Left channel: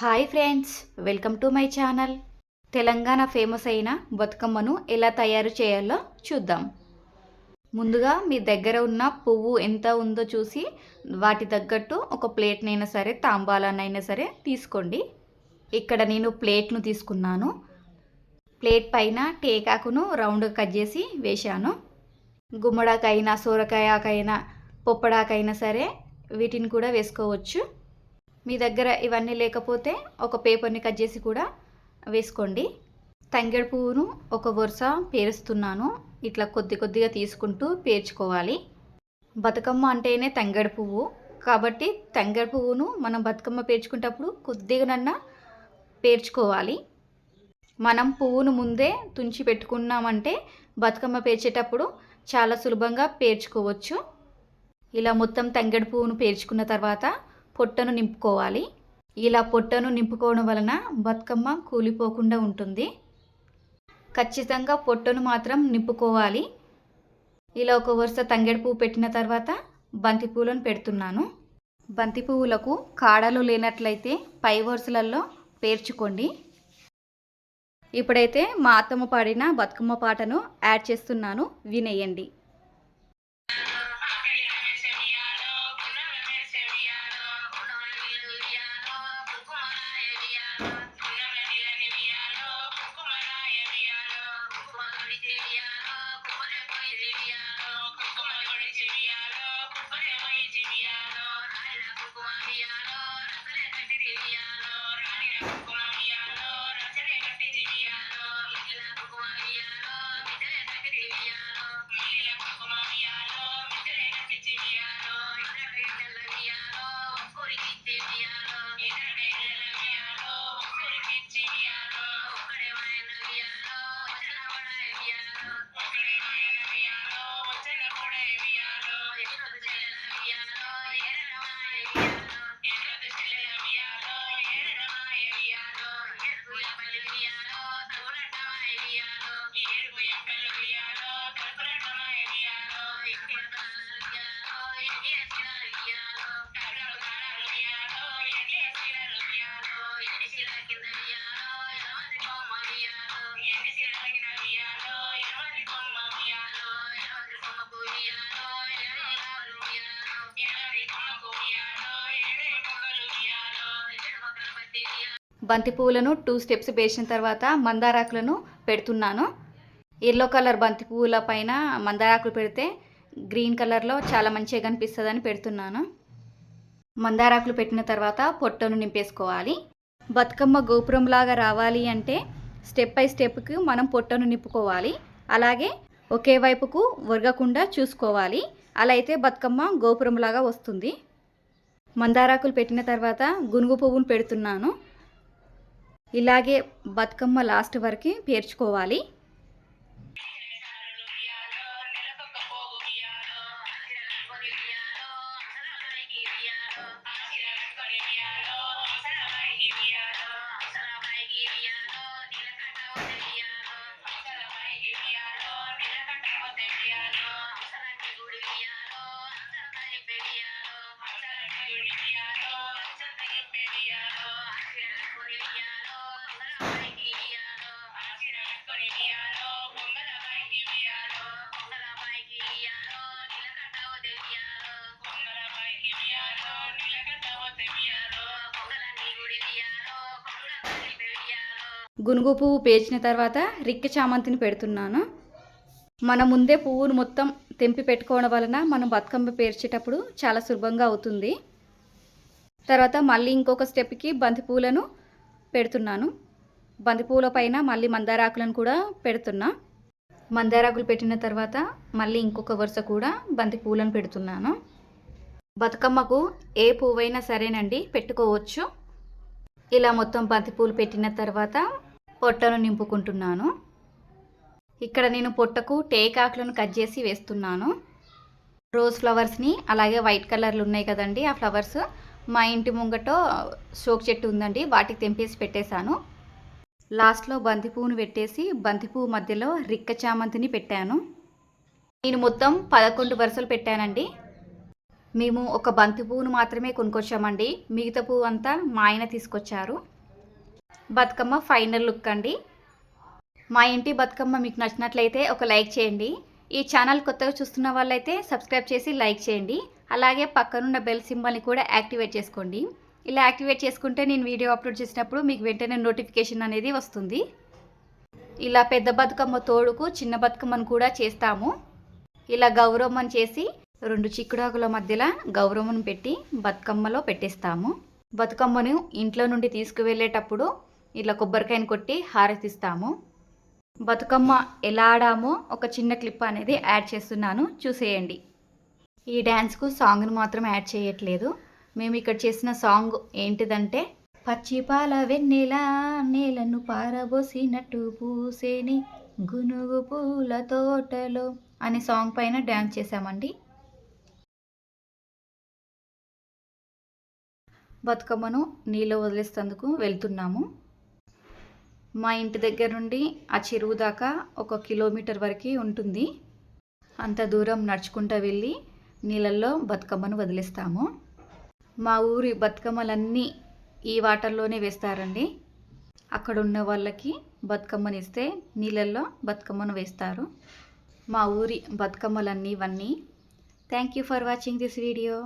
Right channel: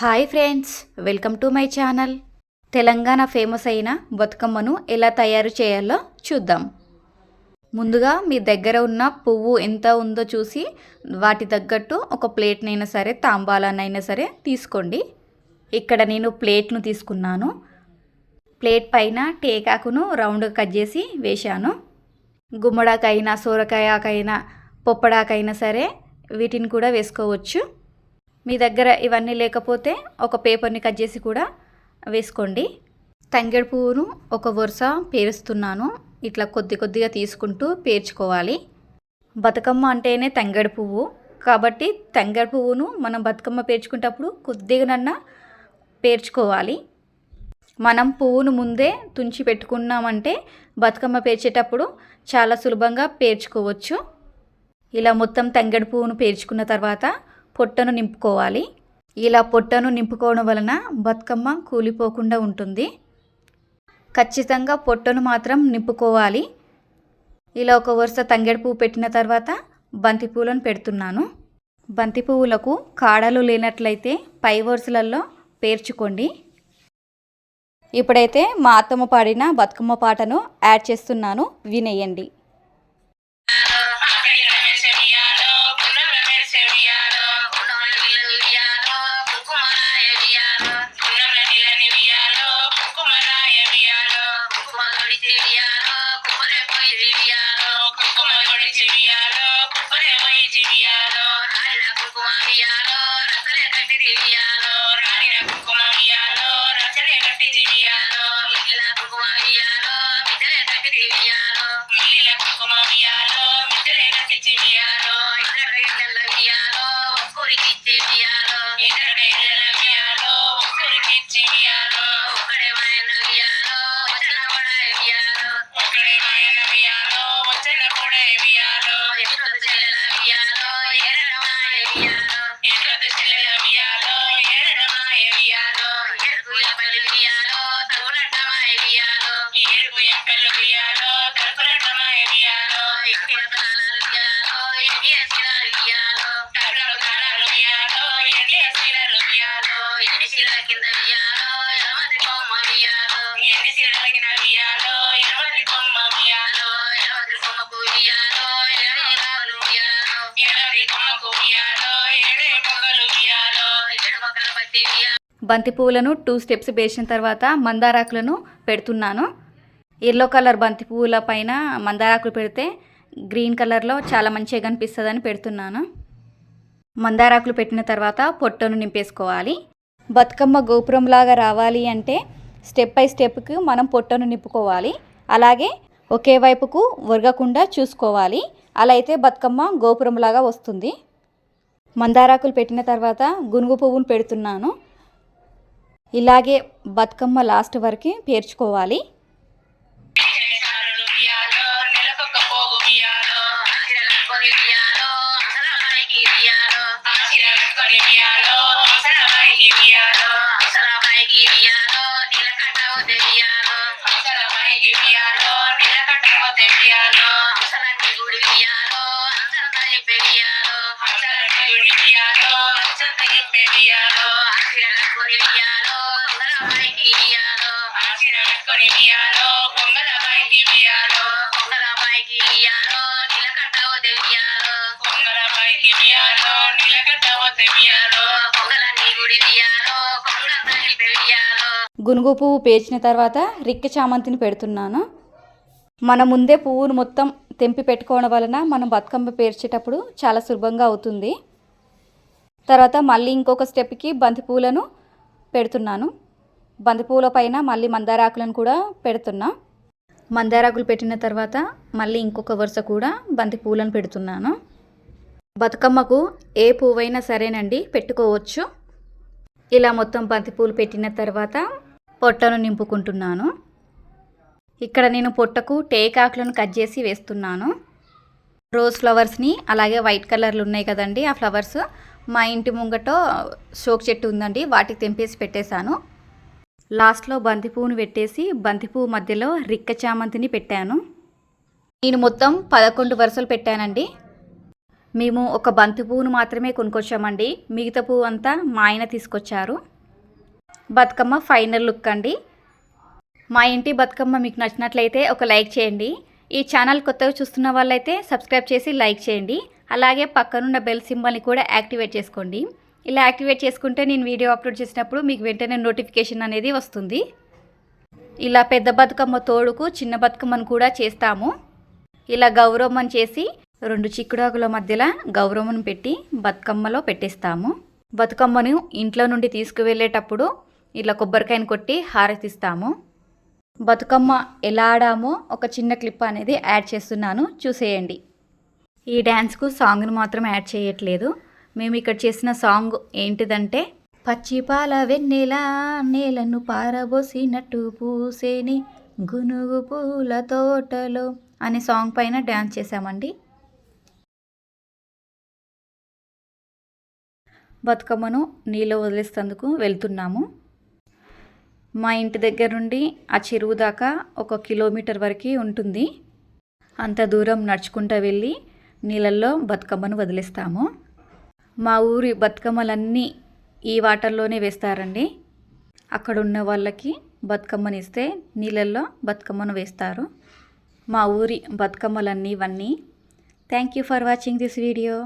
Hi friends, welcome to my channel. Telangana famous అయిన బతుకమ్మను ఎలా తయారు చేయాలో చూద్దాం. ముందుగా మీ దగ్గర ఉన్న పువ్వు ఎంత ఉందో చూసి వాటి తగ్గట్టు ఒక ప్లేట్నైనా సరే తాంబాలనైనా సరే తీసుకోండి. ఇక్కడ నేను ప్లేట్ను తీసుకున్నాను. ప్లేట్ పైన టేకాకును రౌండ్గా కట్ చేసి వేశాను. గుమ్మడాకైనా సోరకాయకైనా పొప్పడాకైనా సరే వీటిని కూడా వేసుకోవచ్చు. మీ దగ్గర ఇవన్నీ లేకపోతే ఒక పేపర్ని కట్ చేసి కూడా వేసుకోండి. తంగేడు పువ్వును ఒక వరుస పేరుస్తున్నాను. ఇట్లా కొద్ది కొద్దిగా తీసుకుంటూ పేర్చుకోవాలి. బతుకమ్మ అంటేనే తంగేడు పువ్వు కాబట్టి తంగేడు పువ్వును మనం బతుకమ్మ పేర్చుకునేటప్పుడు కొద్దిగానన్నా పేర్చుకోవాలి. మనం పువ్వును ముందే తుంచి పెట్టుకున్నామంటే బతుకమ్మ పేర్చేటప్పుడు చాలా సులభంగా పేర్చుకోవచ్చు. ఇలా మొత్తం తంగేడు పువ్వును పేర్చుకున్న తర్వాత పొట్టను నింపుకోవాలి. ఇలా పొట్టను నింపుకోవడం వలన బతుకమ్మ కూలిపోకుండా ఉంటుంది. ఖచ్చితంగా పొట్టను మాత్రం నింపుకోవాలి. ఇలా ఒక వరుస తంగేడు పువ్వు పెట్టిన తర్వాత బంతి పువ్వులను పెడుతున్నాను. బంతి పువ్వులకు కాడలు లేనట్లయితే పై వరుసలలో పేర్చుకోండి. ఇప్పుడైతే మా అత్తమ్మ పాడిన బతుకమ్మ పాటను యాడ్ చేస్తున్నాను, వినేయండి. బంతి పువ్వులను 2 స్టెప్స్ వేసిన తర్వాత మందారాకులను పెడుతున్నాను. ఎల్లో కలర్ బంతి పువ్వుల పైన మందారాకులు పెడితే గ్రీన్ కలర్లో చాలా మంచిగా కనిపిస్తుందని పెడుతున్నాను. మందారాకులు పెట్టిన తర్వాత పొట్టను నింపేసుకోవాలి. బతుకమ్మ గోపురంలాగా రావాలి అంటే స్టెప్ బై స్టెప్కి మనం పొట్టను నింపుకోవాలి. అలాగే ఒకే వైపుకు ఒరగకుండా చూసుకోవాలి. అలా అయితే బతుకమ్మ గోపురంలాగా వస్తుంది. మందారాకులు పెట్టిన తర్వాత గునుగు పువ్వును పెడుతున్నాను. ఇలాగే బతుకమ్మ లాస్ట్ వరకు పేర్చుకోవాలి. గునుగు పువ్వు పేర్చిన తర్వాత రిక్క చామంతిని పెడుతున్నాను. మన ముందే పువ్వును మొత్తం తెంపి పెట్టుకోవడం వలన మనం బతుకమ్మ పేర్చేటప్పుడు చాలా సులభంగా అవుతుంది. తర్వాత మళ్ళీ ఇంకొక స్టెప్కి బంతి పువ్వులను పెడుతున్నాను. బంతి పువ్వుల పైన మళ్ళీ మందారాకులను కూడా పెడుతున్నా. మందారాకులు పెట్టిన తర్వాత మళ్ళీ ఇంకొక వరుస కూడా బంతి పువ్వులను పెడుతున్నాను. బతుకమ్మకు ఏ పువ్వైనా సరేనండి పెట్టుకోవచ్చు. ఇలా మొత్తం బంతి పువ్వులు పెట్టిన తర్వాత పొట్టను నింపుకుంటున్నాను. ఇక్కడ నేను పొట్టకు టేకాకులను కట్ చేసి వేస్తున్నాను. రోజ్ ఫ్లవర్స్ని అలాగే వైట్ కలర్లు ఉన్నాయి కదండి, ఆ ఫ్లవర్స్ మా ఇంటి ముంగట షోక్ చెట్టు ఉందండి, వాటికి తెంపేసి పెట్టేశాను. లాస్ట్లో బంతి పువ్వును పెట్టేసి బంతి పువ్వు మధ్యలో రిక్క చామంతిని పెట్టాను. నేను మొత్తం 11 వరుసలు పెట్టానండి. మేము ఒక బంతి పువ్వును మాత్రమే కొనుక్కొచ్చామండి. మిగతా పువ్వు అంతా మా ఆయన తీసుకొచ్చారు. బతుకమ్మ ఫైనల్ లుక్ అండి. మా ఇంటి బతుకమ్మ మీకు నచ్చినట్లయితే ఒక లైక్ చేయండి. ఈ ఛానల్ కొత్తగా చూస్తున్న వాళ్ళైతే సబ్స్క్రైబ్ చేసి లైక్ చేయండి. అలాగే పక్కనున్న బెల్ సింబల్ని కూడా యాక్టివేట్ చేసుకోండి. ఇలా యాక్టివేట్ చేసుకుంటే నేను వీడియో అప్లోడ్ చేసినప్పుడు మీకు వెంటనే నోటిఫికేషన్ అనేది వస్తుంది. ఇలా పెద్ద బతుకమ్మ తోడుకు చిన్న బతుకమ్మను కూడా చేస్తాము. ఇలా గౌరమ్మను చేసి 2 చిక్కుడాకుల మధ్యలో గౌరమ్మను పెట్టి బతుకమ్మలో పెట్టేస్తాము. బతుకమ్మను ఇంట్లో నుండి తీసుకువెళ్ళేటప్పుడు ఇలా కొబ్బరికాయను కొట్టి హారతిస్తాము. బతుకమ్మ ఎలా ఆడామో ఒక చిన్న క్లిప్ అనేది యాడ్ చేస్తున్నాను, చూసేయండి. ఈ డ్యాన్స్కు సాంగ్ను మాత్రం యాడ్ చేయట్లేదు. మేము ఇక్కడ చేసిన సాంగ్ ఏంటిదంటే, పచ్చిపాల వెన్నెల నేలను పారబోసినట్టు పూసేని గునుగు పూల తోటలో అనే సాంగ్ పైన డ్యాన్స్ చేశామండి. బతుకమ్మను నీళ్ళు వదిలేసేందుకు వెళ్తున్నాము. మా ఇంటి దగ్గర నుండి ఆ చెరువు దాకా 1 కిలోమీటర్ వరకు ఉంటుంది. అంత దూరం నడుచుకుంటూ వెళ్ళి నీళ్ళల్లో బతుకమ్మను వదిలేస్తాము. మా ఊరి బతుకమ్మలన్నీ ఈ వాటర్లోనే వేస్తారండి. అక్కడ ఉన్న వాళ్ళకి బతుకమ్మని ఇస్తే నీళ్ళల్లో బతుకమ్మను వేస్తారు. మా ఊరి బతుకమ్మలన్నీ ఇవన్నీ. Thank you for watching this video.